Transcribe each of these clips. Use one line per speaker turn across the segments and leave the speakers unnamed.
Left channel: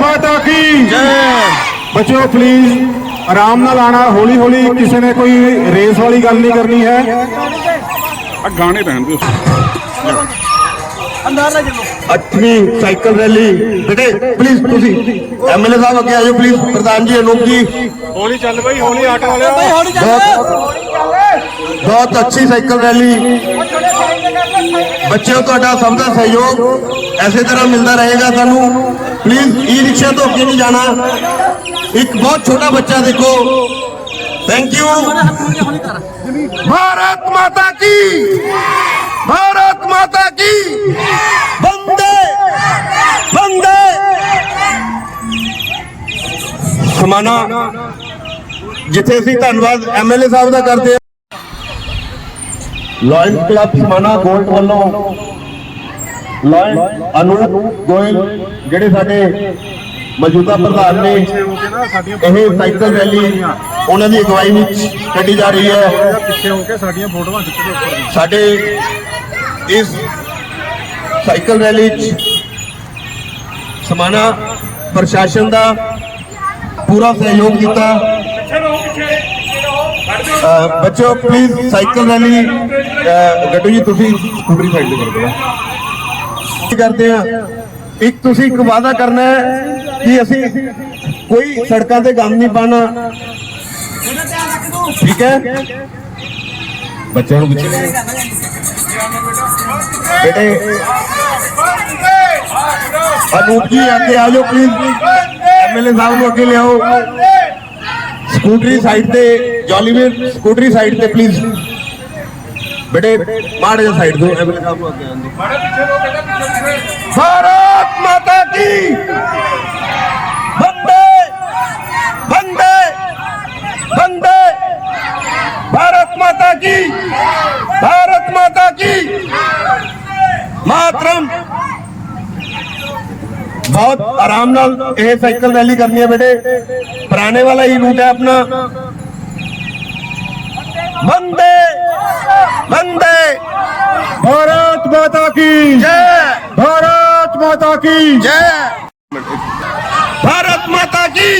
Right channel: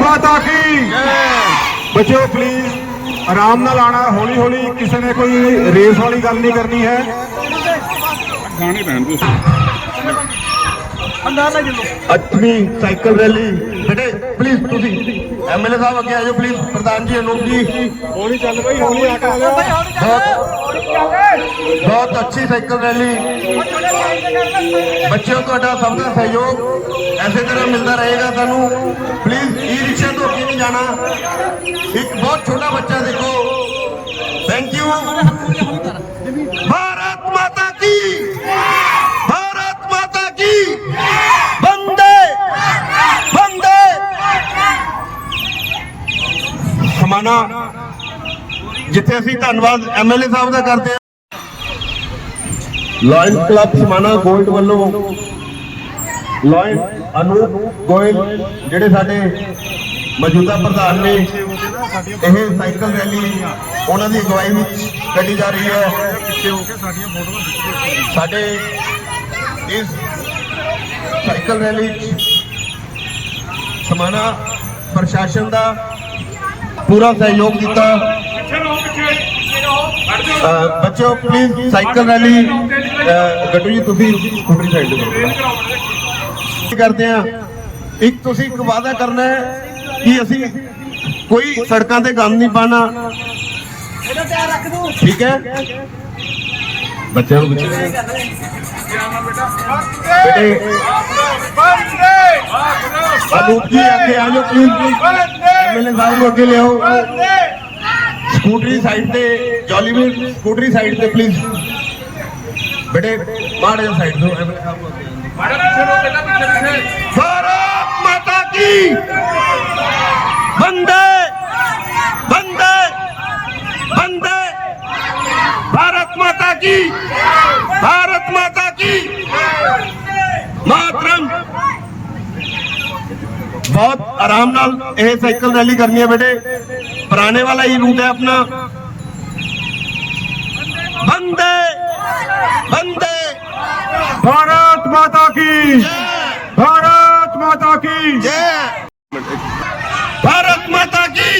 ਮਾਤਾ ਕੀ ਬੱਚਿਓ ਪਲੀਜ਼ ਆਰਾਮ ਨਾਲ ਆਣਾ ਹੌਲੀ ਹੌਲੀ ਕਿਸੇ ਨੇ ਕੋਈ ਰੇਸ ਵਾਲੀ ਗੱਲ ਨਹੀਂ ਕਰਨੀ ਹੈ।
ਆ ਗਾਣੇ ਰਹਿਣ ਦਿਓ।
ਅੱਠਵੀਂ ਸਾਈਕਲ ਰੈਲੀ ਬੇਟੇ ਪਲੀਜ਼ ਤੁਸੀਂ ਐਮਐਲਏ ਸਾਹਿਬ ਅੱਗੇ ਆਜੋ ਪਲੀਜ਼ ਪ੍ਰਧਾਨ ਜੀ ਅਨੂਪ ਜੀ।
ਹੌਲੀ ਚੱਲ ਬਈ ਹੌਲੀ ਆਟੋ ਵਾਲਿਓ।
ਬਹੁਤ ਅੱਛੀ ਸਾਈਕਲ ਰੈਲੀ। ਬੱਚਿਓ, ਤੁਹਾਡਾ ਸਭ ਦਾ ਸਹਿਯੋਗ ਐਸੇ ਤਰ੍ਹਾਂ ਮਿਲਦਾ ਰਹੇਗਾ ਸਾਨੂੰ। ਪਲੀਜ਼ ਈ ਰਿਕਸ਼ਾ ਤੋਂ ਅੱਗੇ ਨਹੀਂ ਜਾਣਾ। ਇੱਕ ਬਹੁਤ ਛੋਟਾ ਬੱਚਾ ਦੇਖੋ। ਥੈਂਕ ਯੂ ਭਾਰਤ ਮਾਤਾ ਕੀ? ਭਾਰਤ ਮਾਤਾ ਕੀ? ਵੰਦੇ। ਵੰਦੇ। ਸਮਾਨਾ ਜਿੱਥੇ ਅਸੀਂ ਧੰਨਵਾਦ ਐਮਐਲਏ ਸਾਹਿਬ ਦਾ ਕਰਦੇ ਲਾਇਨ ਕਲੱਬ ਸਮਾਣਾ ਗੋਲਡ ਵੱਲੋਂ ਲਾਇਨ ਅਨੂਪ ਗੋਇਲ, ਜਿਹੜੇ ਸਾਡੇ ਮੌਜੂਦਾ ਪ੍ਰਧਾਨ ਨੇ, ਇਹ ਸਾਈਕਲ ਰੈਲੀ ਉਹਨਾਂ ਦੀ ਅਗਵਾਈ ਵਿੱਚ ਕੱਢੀ ਜਾ ਰਹੀ ਹੈ।
ਪਿੱਛੇ ਹੋ ਕੇ ਸਾਡੀਆਂ ਫੋਟੋਆਂ ਖਿੱਚ ਕੇ ਉੱਪਰ
ਸਾਡੇ ਇਸ ਸਾਈਕਲ ਰੈਲੀ 'ਚ ਸਮਾਨਾ ਪ੍ਰਸ਼ਾਸਨ ਦਾ ਪੂਰਾ ਸਹਿਯੋਗ ਦਿੱਤਾ ਬੱਚਿਓ ਪਲੀਜ਼ ਸਾਈਕਲ ਰੈਲੀ ਗੱਡੂ ਜੀ ਤੁਸੀਂ ਸਕੂਟਰੀ ਸਾਈਡ ਤੇ ਕਰਦੇ ਆ? ਇੱਕ ਤੁਸੀਂ ਇੱਕ ਵਾਅਦਾ ਕਰਨਾ ਹੈ ਕਿ ਅਸੀਂ ਕੋਈ ਸੜਕਾਂ ਤੇ ਗੰਦ ਨਹੀਂ ਪਾਣਾ ਠੀਕ ਹੈ? ਬੱਚਿਆਂ ਨੂੰ ਪਿੱਛੇ। ਬੇਟੇ ਅਨੂਪ ਜੀ ਅੱਗੇ ਆ ਜਾਓ ਪਲੀਜ਼ ਐਮਐਲਏ ਸਾਹਿਬ ਨੂੰ ਅੱਗੇ ਲਿਆਓ। ਸਕੂਟਰੀ ਸਾਈਡ ਤੇ ਜੋਲੀਵੀਰ ਸਕੂਟਰੀ ਸਾਈਡ ਤੇ ਪਲੀਜ਼ ਬੇਟੇ ਮਾੜੇ ਸਾਈਡ ਤੋਂ ਐਮਐਲਏ ਸਾਹਿਬ ਨੂੰ ਅੱਗੇ ਆਉਣ ਦਿਓ ਭਾਰਤ ਮਾਤਾ ਕੀ ਵੰਦੇ ਵੰਦੇ ਵੰਦੇ भारत माता की भारत माता की मातरम बहुत आराम नाल ਇਹ ਸਾਈਕਲ ਰੈਲੀ ਕਰਨੀ ਹੈ ਬੇਟੇ ਪੁਰਾਣੇ ਵਾਲਾ ਹੀ ਰੂਟ ਹੈ ਆਪਣਾ ਬੰਦੇ ਬੰਦੇ
ਭਾਰਤ ਮਾਤਾ ਕੀ
ਜੈ
ਭਾਰਤ ਮਾਤਾ ਕੀ
ਜੈ भारत माता की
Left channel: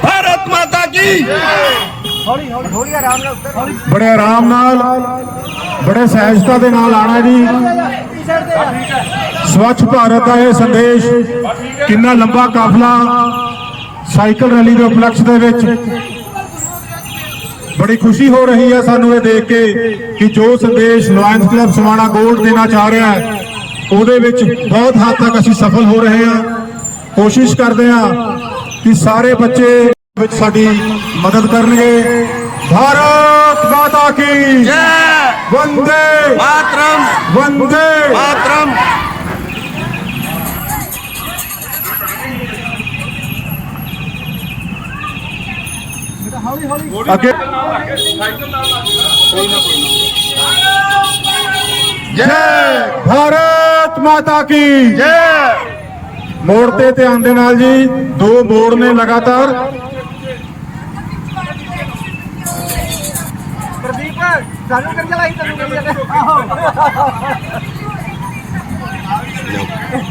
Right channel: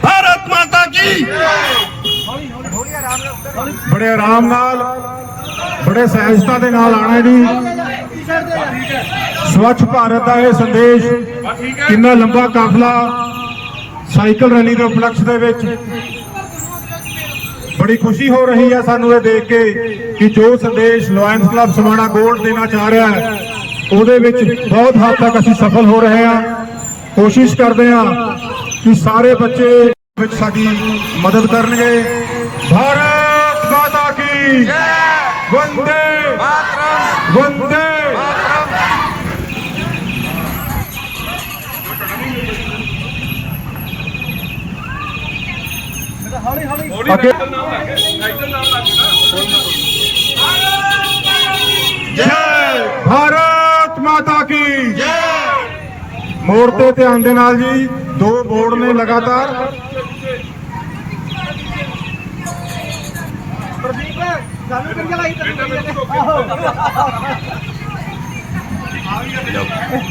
भारत माता की
ਬੜੇ ਆਰਾਮ ਨਾਲ ਬੜੇ ਸਹਿਜਤਾ ਦੇ ਨਾਲ ਆਣਾ ਜੀ ਸਵੱਛ ਭਾਰਤ ਦਾ ਇਹ ਸੰਦੇਸ਼ ਕਿੰਨਾ ਲੰਬਾ ਕਾਫਲਾ ਸਾਈਕਲ ਰੈਲੀ ਦੇ ਉਪਲਕਸ਼ ਦੇ ਵਿੱਚ ਬੜੀ ਖੁਸ਼ੀ ਹੋ ਰਹੀ ਹੈ ਸਾਨੂੰ ਇਹ ਦੇਖ ਕੇ ਕਿ ਜੋ ਸੰਦੇਸ਼ ਲਾਇਨਸ ਕਲੱਬ ਸਮਾਣਾ ਗੋਲਡ ਦੇਣਾ ਚਾਹ ਰਿਹਾ ਹੈ, ਉਹਦੇ ਵਿੱਚ ਬਹੁਤ ਹੱਦ ਤੱਕ ਅਸੀਂ ਸਫਲ ਹੋ ਰਹੇ ਹਾਂ। ਕੋਸ਼ਿਸ਼ ਕਰਦੇ ਹਾਂ ਕਿ ਸਾਰੇ ਬੱਚੇ ਵਿੱਚ ਸਾਡੀ ਮਦਦ ਕਰਨਗੇ। ਭਾਰਤ ਮਾਤਾ ਕੀ
जय
ਵੰਦੇ ਹੌਲੀ
ਹੌਲੀ।
ਅੱਗੇ।
ਨਾਲ ਲੱਗ ਕੇ ਸਾਈਕਲ ਨਾਲ ਲੱਗ ਕੇ ਜੈ
ਭਾਰਤ ਮਾਤਾ ਕੀ
ਜੈ।
ਮੋੜ ਤੇ ਧਿਆਨ ਦੇ ਨਾਲ ਜੀ ਦੋ ਬੋਰਡ ਨੇ ਲਗਾਤਾਰ।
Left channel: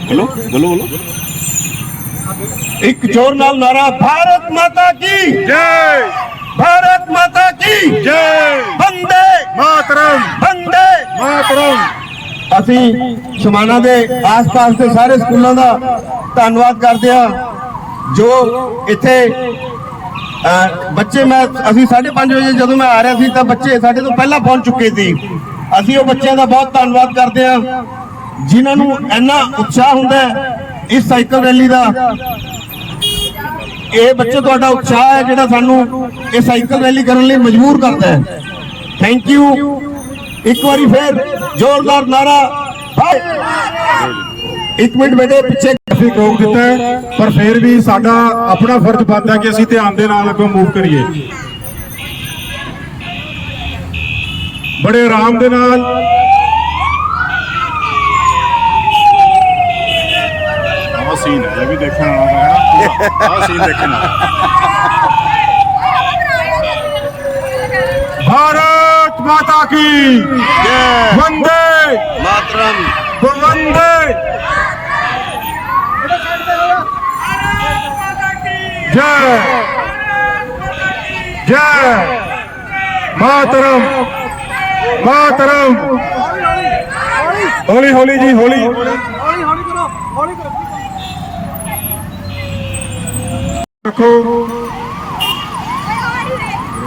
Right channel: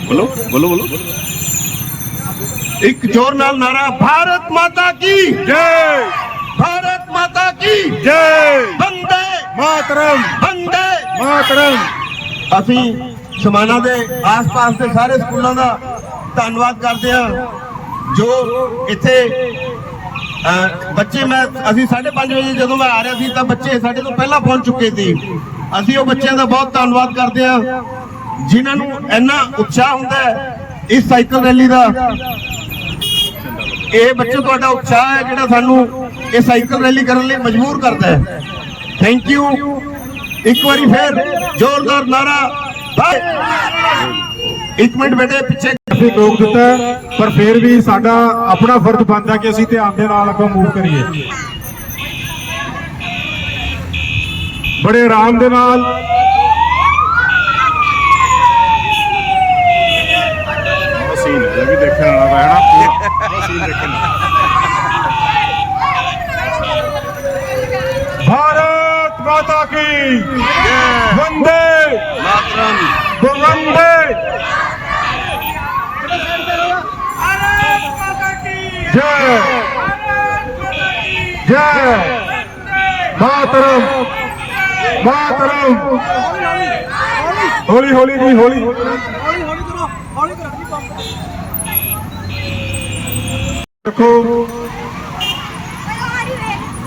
ਬੋਲੋ ਬੋਲੋ ਬੋਲੋ।
ਇੱਕ ਜ਼ੋਰ ਨਾਲ ਨਾਰਾ ਭਾਰਤ ਮਾਤਾ ਕੀ
ਜੈ।
भारत माता की
ਜੈ
वंदे
ਮਾਤਰਮ
वंदे
ਮਾਤਰਮ
ਅਸੀਂ ਸ਼ਮਾਨਾ ਦੇ ਆਸ-ਪਾਸ ਦੇ ਸਾਰੇ ਸਕੂਲਾਂ ਦਾ ਧੰਨਵਾਦ ਕਰਦੇ ਹਾਂ ਜੋ ਇੱਥੇ ਅਹ, ਬੱਚੇ ਮੈਂ ਅਸੀਂ 5:30 ਵਜੇ ਜਦੋਂ ਮੈਂ ਆ ਰਿਹਾ ਸੀ ਤਾਂ ਬੱਚੇ ਸਾਡੇ ਤੋਂ ਪਹਿਲਾਂ ਪਹੁੰਚ ਚੁੱਕੇ ਸੀ ਅਸੀਂ ਉਹ ਬੱਚਿਆਂ ਦਾ ਬਹੁਤ ਧੰਨਵਾਦ ਕਰਦੇ ਹਾਂ ਜਿਨ੍ਹਾਂ ਨੂੰ ਇੰਨਾ ਉਤਸ਼ਾਹ ਹੁੰਦਾ ਹੈ ਇਸ ਸਾਈਕਲ ਰੈਲੀ ਦਾ ਇਹ ਬੱਚੇ ਤੁਹਾਡਾ ਉਤਸ਼ਾਹ ਹੈ ਜਿਹੜਾ ਸਾਨੂੰ ਇਹ ਸਾਈਕਲ ਰੈਲੀ ਕਰਨ ਲਈ ਮਜਬੂਰ ਕਰਦਾ ਹੈ। ਥੈਂਕ ਯੂ ਇੱਕ ਵਾਰੀ ਫੇਰ ਜ਼ੋਰਦਾਰ ਨਾਰਾ। ਇੱਕ ਮਿੰਟ ਬੇਟੇ, ਪਿੱਛੇ
ਅਸੀਂ ਰੋਕ ਦਿੱਤਾ ਪਰ ਫਿਰ ਵੀ ਸਾਡਾ ਆਪਣਾ ਫਰਜ਼ ਬਣਦਾ ਕਿ ਅਸੀਂ ਧਿਆਨ ਦੇ ਨਾਲ ਅੱਗੋਂ ਮੂਵ ਕਰੀਏ। ਬੜੇ ਆਰਾਮ ਦੇ ਨਾਲ।
ਆਹ ਸੀਨ ਹੈ ਵੀ ਦੇਖਣ ਵਾਲਾ ਹੈ ਨਾ, ਪੂਰਾ। ਆਹ ਸੀਨ ਦੇਖਣ ਵਾਲਾ।
की वंदे वंदे जय जय मातरम मातरम
होली होली जी होली होली होली करो
होली
करो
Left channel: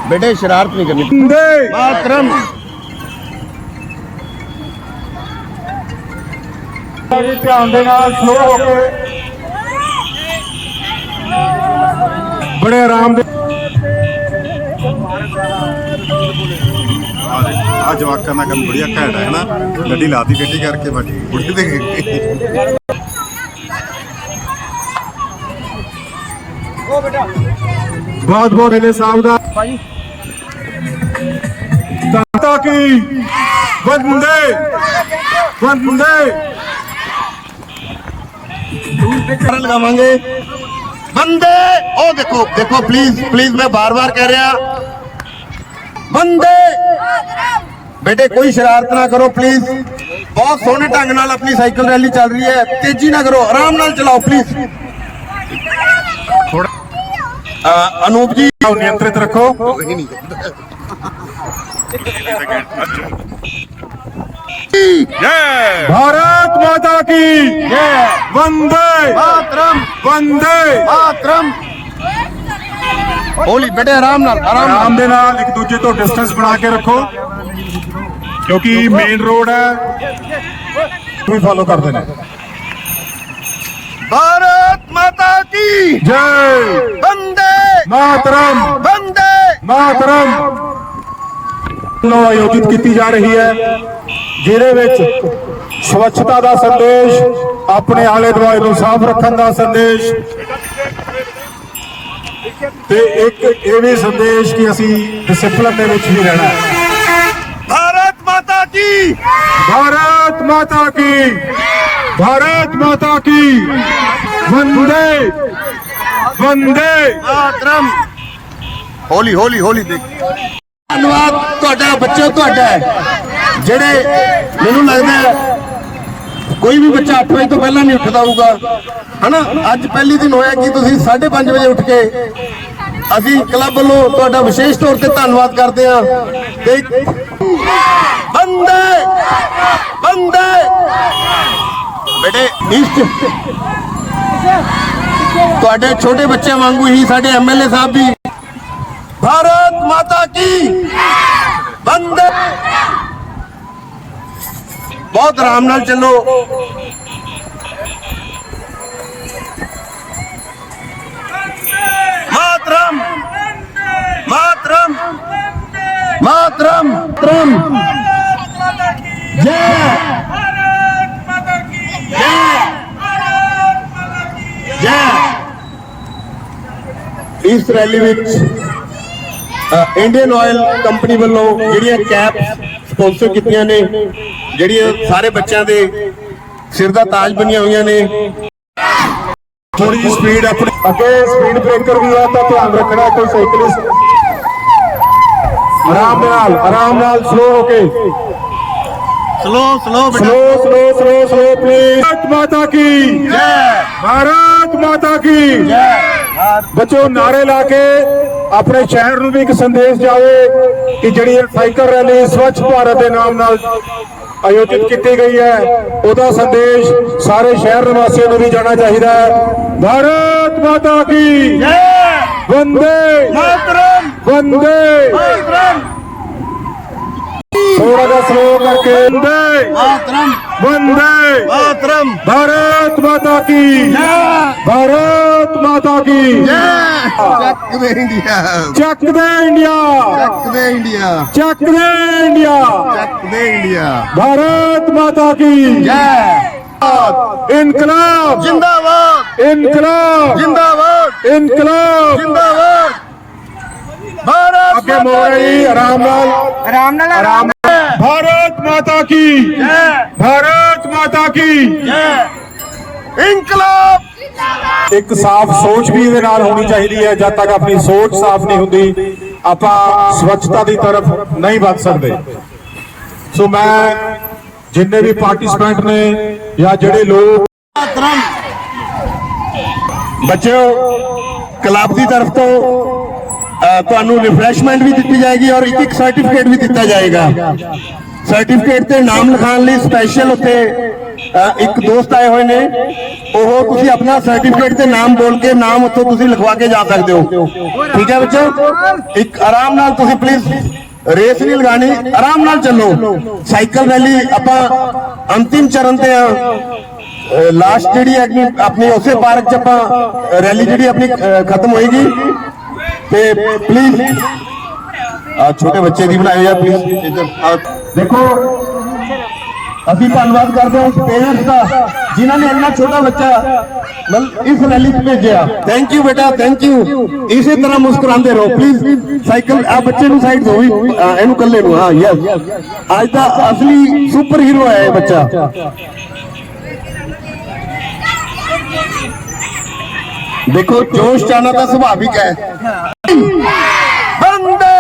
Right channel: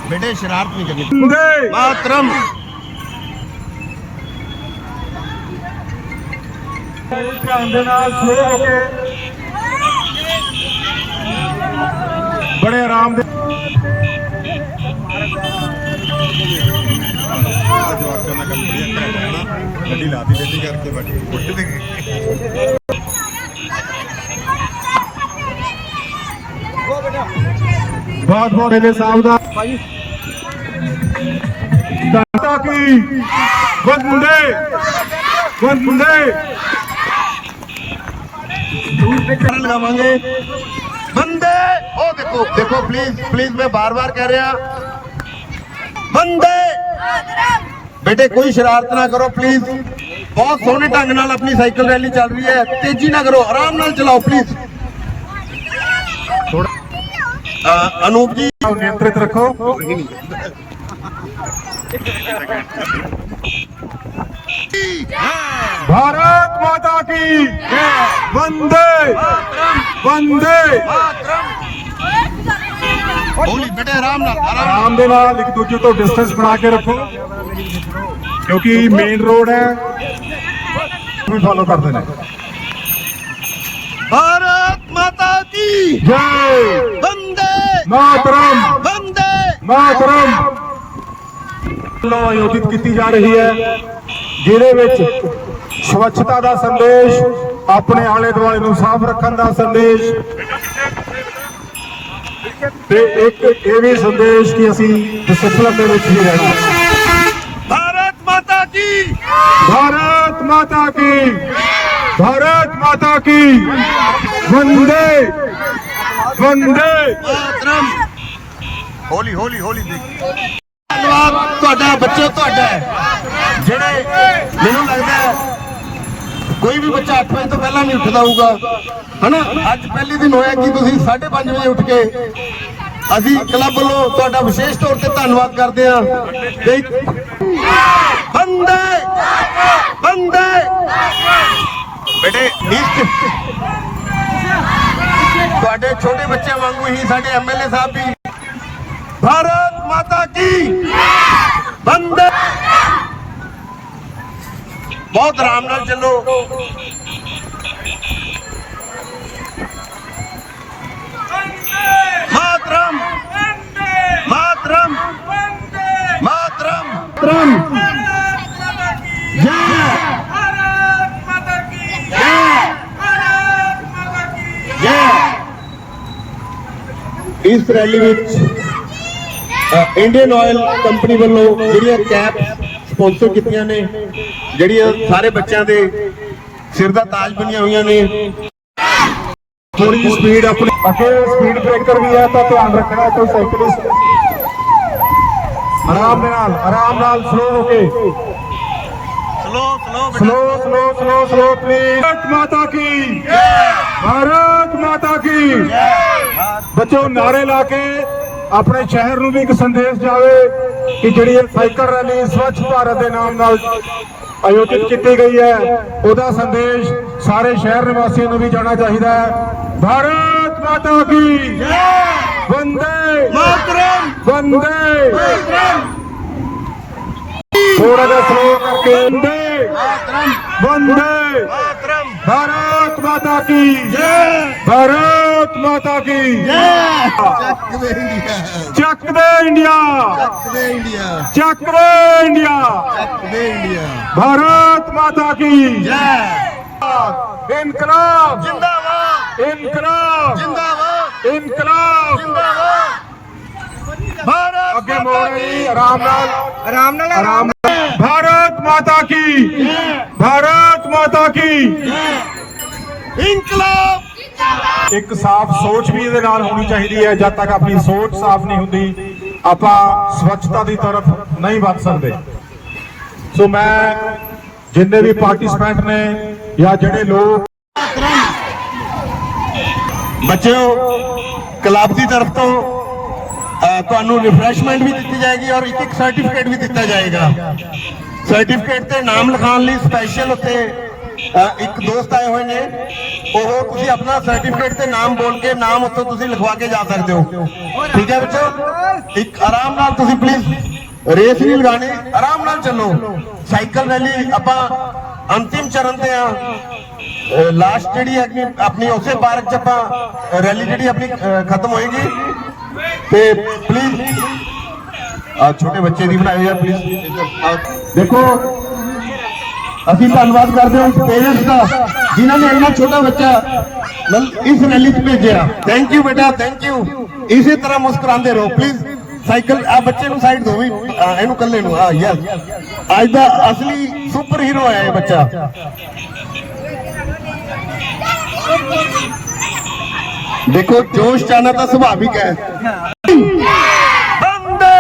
बेटे शरारत नहीं
करनी
मातरम
ਜੀ ਧਿਆਨ ਦੇ ਨਾਲ ਸਲੋ ਹੋ ਕੇ। ਬੜੇ ਆਰਾਮ ਦੇ
ਆ ਜਵਾਕਾਂ ਦਾ ਕੰਮ ਬੜੀਆ ਘੈਂਟ ਹੈ ਨਾ ਗੱਡੀ ਲਾਤੀ ਗੱਡੀ ਕਰਕੇ ਬੈਠੀ।
ਉਹ ਬੇਟਾ
ਬਹੁਤ ਬਹੁਤ ਅਜੇ ਸਾਹਿਬ ਦਾ।
ਭਾਈ
ਦਾਤਾ ਕੀ? ਵੰਦੇ ਵੰਦੇ
ਕਰਨ ਲਗਾਵਾਂਗੇ ਬੰਦੇ ਉਹ ਦੇਖੋ ਦੇਖੋ ਪਲੀਜ਼ ਪਲੀਜ਼ ਮੈਂ ਬਾਰ-ਬਾਰ ਕਹਿ ਰਿਹਾ ਬੰਦੇ ਬੇਟੇ ਕੋਈ ਸ਼ਰਾਰਤ ਨਾ ਕਰੋ ਪਲੀਜ਼ ਬਹੁਤ ਸੋਹਣੇ ਢੰਗ ਨਾਲ ਆਪਣੀ ਸਾਈਕਲ ਰੈਲੀ ਚੱਲ ਰਹੀ ਹੈ ਤੇਜ਼ੀ ਨਾ ਕਰੋ ਆਰਾਮ ਨਾਲ ਚਲਾਓ ਪਲੀਜ਼
ਥੋੜਾ
ਅ, ਅਨੂਪ ਜੀ
ਨਿਯੰਤਰਿਤ ਰੱਖੋ भारत माता की वंदे
ਮਾਤਰਮ
वंदे
ਮਾਤਰਮ ਹੋਲੀ ਬੇਟੇ ਆਰਾਮ ਨਾਲ ਆਰਾਮ ਨਾਲ
ਆਰਾਮ ਦੇ ਨਾਲ ਇੱਕ ਦੂਜੇ ਤੋਂ ਡਿਸਟੈਂਸ ਬਣਾ ਕੇ ਰੱਖੋ ਕਿਉਂਕਿ ਮੇਨ ਰੋਡ ਹੈ ਵੀ ਫਾਲੋ ਕਰਦੇ ਨੇ
ਭਾਰਤ ਮਾਤਾ ਕੀ
ਜੈ
ਬੰਦੇ
ਮਾਤਰਮ
ਬੰਦੇ
ਮਾਤਰਮ ਲੋ ਆਯੋਜਿਤ ਕੀਤੀ ਜਾ ਰਹੀ ਹੈ ਜਿਹਦੇ ਵਿੱਚ ਸਵੱਛਤਾ ਦਾ ਸੰਦੇਸ਼ ਆਪਣੇ ਆਲੇ ਦੁਆਲੇ ਨੂੰ ਸਾਫ਼ ਰੱਖਣ ਦਾ ਸੰਦੇਸ਼ ਤੇ ਇੱਕ ਇਹ ਵੀ ਸੰਦੇਸ਼ ਕਿ ਅਸੀਂ ਡਿਸਪਲਿਨ ਦੇ ਵਿੱਚ ਵੀ ਰਹਿਣਾ।
ਭਾਰਤ ਮਾਤਾ ਕੀ?
ਭਾਰਤ ਮਾਤਾ ਕੀ? ਭਾਰਤ ਮਾਤਾ ਕੀ? ਵੰਦੇ ਵੰਦੇ।
ਮਾਤਰਮ ਹੋਲੀ ਹੋਲੀ ਹੋਲੀ ਦੇਖ। ਤੁਹਾਡਾ, ਬੱਚੇ ਤੁਹਾਡਾ ਜਿਹੜੇ ਮੈਨੂੰ ਲੱਗਦਾ ਕੋਈ ਵੀ ਬੱਚਾ 8 ਵਜੇ ਤੋਂ ਪਹਿਲਾਂ ਨਹੀਂ ਉੱਠਦਾ ਹੋਊਗਾ। ਹਨਾ? ਅੱਜ ਪਹਿਲੀ ਦਿਨ ਹੋਇਆ ਕਿ ਤੁਸੀਂ 5:30 ਵਜੇ ਉੱਠ ਕੇ ਅਸੀਂ ਕਲੱਬ ਵੱਲੋਂ ਤੁਹਾਡਾ ਵਿਸ਼ੇਸ਼ ਤੌਰ ਤੇ ਧੰਨਵਾਦ ਕਰਦੇ ਹਾਂ। ਤੇ ਬੰਦੇ ਬੰਦੇ। ਬੇਟੇ, ਨੀਚ। ਤੁਹਾਡੇ ਛੋਟੇ ਬੱਚੇ ਵਾਂਗੂ ਹੀ ਸਾਡੇ ਐਮਐਲਏ ਸਾਹਿਬ ਵੀ। ਭਾਰਤ ਮਾਤਾ ਕੀ ਬੰਦੇ ਬਹੁਤ ਆਰਾਮ ਨਾਲ ਚੱਲੋ ਮਾਤਰਮ ਮਾਤਰਮ ਮਾਤਰਮ ਮਾਤਰਮ ਜੈ ਜੈ ਇਸ ਰੈਲੀ ਵਿੱਚ ਅ, ਇੰਡੀਅਨ ਆਇਲ ਕੰਪਨੀ ਵੱਲੋਂ ਜਿਹੜੀਆਂ ਕੈਪ ਸਪਾਂਸਰ ਕੀਤੀਆਂ ਨੇ ਜਿਹੜੀਆਂ ਸਾਰੇ ਬੱਚਿਆਂ ਦੇ ਸਿਰ ਦਾ ਤਾਜ ਬਣੀਆਂ ਹੋਈਆਂ ਨੇ।
ਥੋੜੀ ਸਪੀਡ ਆਪਣੀ ਅੱਗੇ ਸਪੀਡ ਬ੍ਰੇਕਰ ਵੀ ਹੈ ਤਾਂ ਧਿਆਨ ਰੱਖਣਾ ਕੋਈ ਸਾਈਕਲਿਸਟ ਆਰਾਮ ਨਾਲ ਆਰਾਮ ਨਾਲ ਸਲੋ ਹੋ
ਕੇ। Slow
slow slow slow slow slow please Bharat Mata ਕੀ? ਜੈ ਭਾਰਤ ਮਾਤਾ ਕੀ? ਜੈ ਬੱਚੋ ਨਾਰੇ ਲਾ ਕੇ ਆਪਣੇ ਸ਼ਹਿਰ ਨੂੰ ਵੀ ਇੱਕ ਸੰਦੇਸ਼ ਜਾਵੇ ਕਿ ਜਿਹੜੀ ਇਹ ਸਾਈਕਲ ਰੈਲੀ ਸਵੱਛ ਭਾਰਤ ਦੇ ਨਾਮ ਨਾਲ ਆਯੋਜਿਤ ਕੀਤੀ ਗਈ ਹੈ ਉਹਦਾ ਸੰਦੇਸ਼ ਸਾਰੇ ਸ਼ਹਿਰ ਨਿਵਾਸੀਆਂ ਨੂੰ ਵੀ ਜਾਣਾ ਚਾਹੀਦਾ ਹੈ। ਭਾਰਤ ਮਾਤਾ ਕੀ ਜੈ! ਵੰਦੇ
ਮਾਤਰਮ
ਵੰਦੇ!
ਮਾਤਰਮ
ਥੋੜਾ ਜਿਹਾ ਸਲੋ ਕਰਕੇ ਵੰਦੇ!
ਮਾਤਰਮ
ਵੰਦੇ!
ਮਾਤਰਮ
ਭਾਰਤ ਮਾਤਾ ਕੀ ਜੈ! ਭਾਰਤ ਮਾਤਾ ਕੀ ਜੈ!
ਚੱਕ ਦੇ ਇੰਡੀਆ
ਚੱਕ ਦੇ ਇੰਡੀਆ
ਚੱਕ ਦੇ ਇੰਡੀਆ
ਚੱਕ ਦੇ ਇੰਡੀਆ
ਚੱਕ ਦੇ ਇੰਡੀਆ
भारत माता की
ਜੈ
इनकलाब
ਜਿੰਦਾਬਾਦ
इनकलाब
ਜਿੰਦਾਬਾਦ
इनकलाब
ਜਿੰਦਾਬਾਦ ਭਾਰਤ
ਅੱਗੇ ਮੋੜ ਹੈ ਜੀ ਆਰਾਮ ਨਾਲ
ਆਰਾਮ ਨਾਲ ਆਰਾਮ
भारत माता की भारत माता की
ਇਨਕਲਾਬ
ਇੱਕ ਸਾਫ਼ ਸੋਚ ਵੀ ਇਹਦੇ ਨਾਲ ਹੋਣੀ ਚਾਹੀਦੀ ਹੈ, ਜਦ ਤੱਕ ਆਪਣੀ ਸੋਚ ਸਾਫ਼ ਨਹੀਂ ਹੁੰਦੀ, ਆਪਾਂ ਸਵੱਛਤਾ ਦੀ ਤਰਫ ਨਹੀਂ ਵੱਧ ਸਕਦੇ। ਸੋ ਮੈਂ ਜਿੰਨੇ ਵੀ ਪਾਰਟਿਸਪੈਂਟ ਨੇ ਜਾਂ ਜਿਹੜੇ ਲੋਕ
ਮਾਤਰਮ
ਬੱਚਿਓ,
ਕਲੱਬ ਦੀ ਤਰਫ ਤੋਂ ਤੁਹਾਨੂੰ ਰਿਫਰੈਸ਼ਮੈਂਟ ਵੀ ਦਿੱਤੀ ਜਾਏਗੀ ਔਰ ਇੱਕ ਇੱਕ ਸਰਟੀਫਿਕੇਟ ਵੀ ਦਿੱਤਾ ਜਾਏਗਾ। ਸਰਟੀਫਿਕੇਟ ਤੇ ਨਾਮ ਲਿਖਾਉਣ ਲਈ ਸਪੈਸ਼ਲ ਉੱਤੇ ਇੱਕ ਦੋਸਤ ਆਏ ਹੋਏ ਨੇ। ਉਹ ਤੁਸੀਂ ਆਪਣਾ ਸਰਟੀਫਿਕੇਟ ਤੇ ਨਾਮ ਬੋਲ ਕੇ ਨਾਮ ਉੱਥੋਂ ਤੁਸੀਂ ਲਿਖਵਾ ਕੇ ਜਾ ਸਕਦੇ ਹੋ। ਠੀਕ ਹੈ ਬੱਚੋ ਇੱਕ ਆਰਾਮ ਨਾਲ ਤੁਸੀਂ ਪਲੀਜ਼ ਰੇਸ ਨਹੀਂ ਲਗਾਣੀ ਆਰਾਮ ਨਾਲ ਚੱਲੋ। ਸਾਈਕਲ ਰੈਲੀ ਆਪਾਂ ਅੰਤਿਮ ਚਰਨ ਤੇ ਆ। ਲਾਸਟ ਜਿਹੜੀ ਆਪਣੀ ਉਸੇ ਪਾਰਕ ਚ ਆਪਾਂ ਰੈਲੀ ਜਿਹੜੀ ਆਪਣੀ ਖਤਮ ਹੋਏਗੀ। ਤੇ ਪਲੀਜ਼ ਆ ਛੋਟੇ ਬੱਚੇ ਦੀ ਬਣਾਇਆ ਯਾਰ ਪਲੀਜ਼ ਦੇਖੋ। ਅਸੀਂ ਧੰਨਵਾਦ ਕਰਦੇ ਹਾਂ ਉਸ ਪੇਰੈਂਟਸ ਦਾ ਜਿਨ੍ਹਾਂ ਨੇ ਇੰਨਾ ਛੋਟਾ ਬੱਚਾ ਇਸ ਰੈਲੀ 'ਚ ਭੇਜਿਆ। ਥੈਂਕ ਯੂ ਬੇਟਾ ਥੈਂਕ ਯੂ ਇਸੇ ਤਰ੍ਹਾਂ ਮੁਸਕਰਾਉਂਦੇ ਰਹੋ ਪਲੀਜ਼ ਸਾਈਕਲ ਆ ਬੱਚੇ ਨੂੰ ਸਾਈਡ ਦਿਓ ਵੀ ਹਾਂ, ਇਹਨੂੰ ਕੱਲੇ ਨੂੰ ਹਾਂ ਯੈਸ ਅੱਜ ਦਾ ਅਸਲੀ ਸੁਪਰ ਹੀਰੋ ਹੈ ਇਹ ਬੱਚਾ। ਦੇਖੋ ਜੋਸ਼ ਚਾਣਾ ਤਾਂ ਸੁਭਾਵਿਕ ਹੈ। ਬੰਦੇ!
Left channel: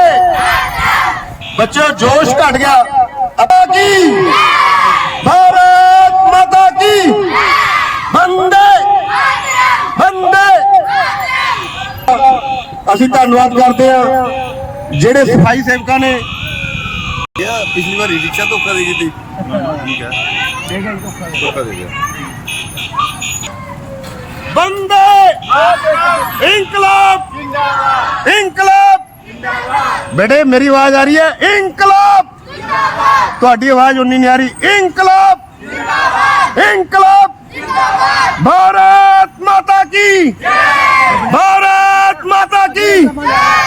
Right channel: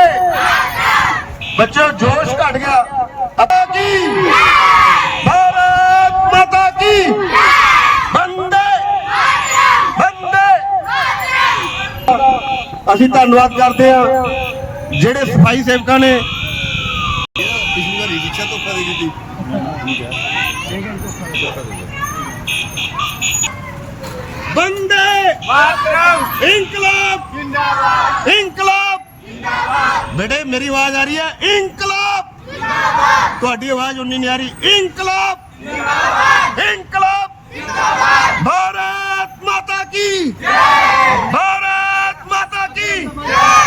ਬੱਚਿਓ ਜੋਸ਼ ਘਟ ਗਿਆ। ਅਬਾ ਕੀ ਭਾਰਤ ਮਾਤਾ ਕੀ ਬੰਦੇ ਬੰਦੇ ਅਸੀਂ ਧੰਨਵਾਦ ਕਰਦੇ ਹਾਂ ਜਿਹੜੇ ਸਫ਼ਾਈ ਸੇਵਕਾਂ ਨੇ
ਪਿਛਲੀ ਵਾਰੀ ਰਿਕਸ਼ਾ ਧੋਖਾ ਦੇ ਗਈ ਤੀ ਠੀਕ ਹੈ ਧੋਖਾ ਦੇ ਗਿਆ
ਬੰਦੇ ਇਨਕਲਾਬ। ਜਿੰਦਾਬਾਦ। ਇਨਕਲਾਬ। ਜਿੰਦਾਬਾਦ। ਬੇਟੇ ਮੇਰੀ ਆਵਾਜ਼ ਆ ਰਹੀ ਹੈ? ਇਨਕਲਾਬ। ਜਿੰਦਾਬਾਦ। ਤੁਹਾਡੀ ਆਵਾਜ਼ ਉਨੀ ਨਹੀਂ ਆ ਰਹੀ। ਇਨਕਲਾਬ। ਜਿੰਦਾਬਾਦ। ਇਨਕਲਾਬ। ਜਿੰਦਾਬਾਦ। ਭਾਰਤ ਮਾਤਾ ਕੀ? ਜੈ। না